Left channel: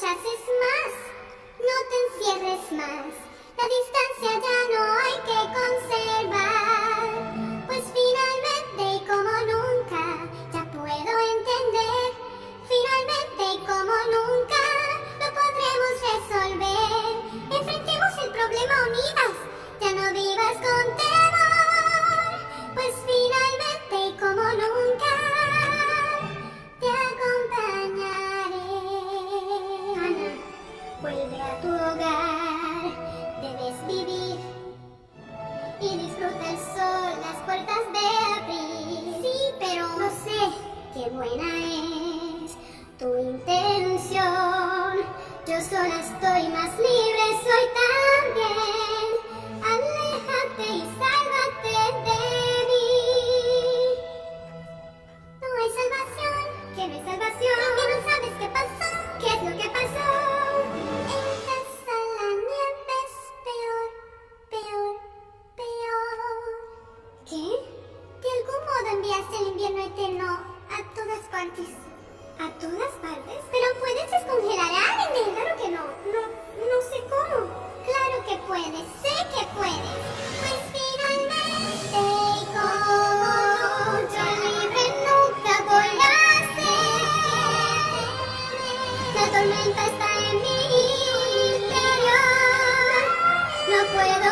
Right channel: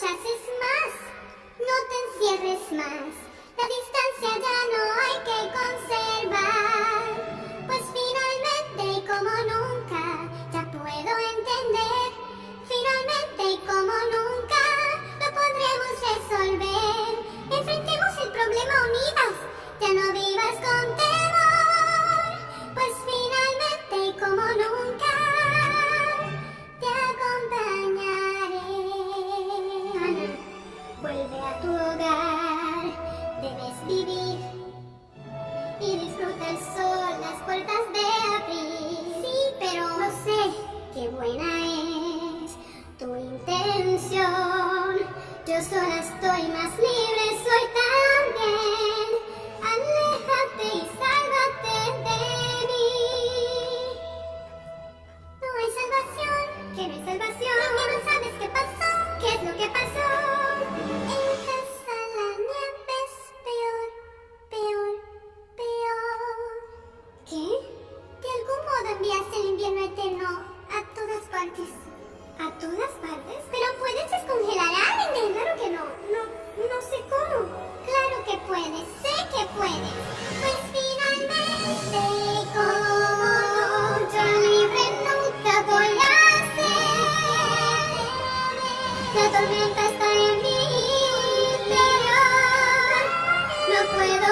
rechaces más, no te encierres más. La distancia ya no hay que conservar, pues finalmente y como nunca ya puedo entender. Finalmente y como nunca lo podremos resolver. Enfrentemos el problema unidas, ya no vivas con temor, pues finalmente y como nunca te acompañaré. Ana, vuelve a tu hogar, debes vivir y disfruta el sol, las puertas de abrir. Sí, pero no sé qué buena es tu intención. Yo sola estoy más libre, soy también. Aléjate y sálvate de mí. No hay salvación, que no hay salvación. Lo que no sabes qué pasó, qué es lo que pasó. En casa la nieve es peor, peor, peor. ¿Qué? De algún modo enviaste el invierno eterno a todas partes. ¿A todas partes? Pero puedes descongelar a alguien. Claro que no. No sé cómo. Claro que puedes, sé que puedes. Pues finalmente, como yo libre nunca voy a ser. La tormenta está en mi interior. No puedo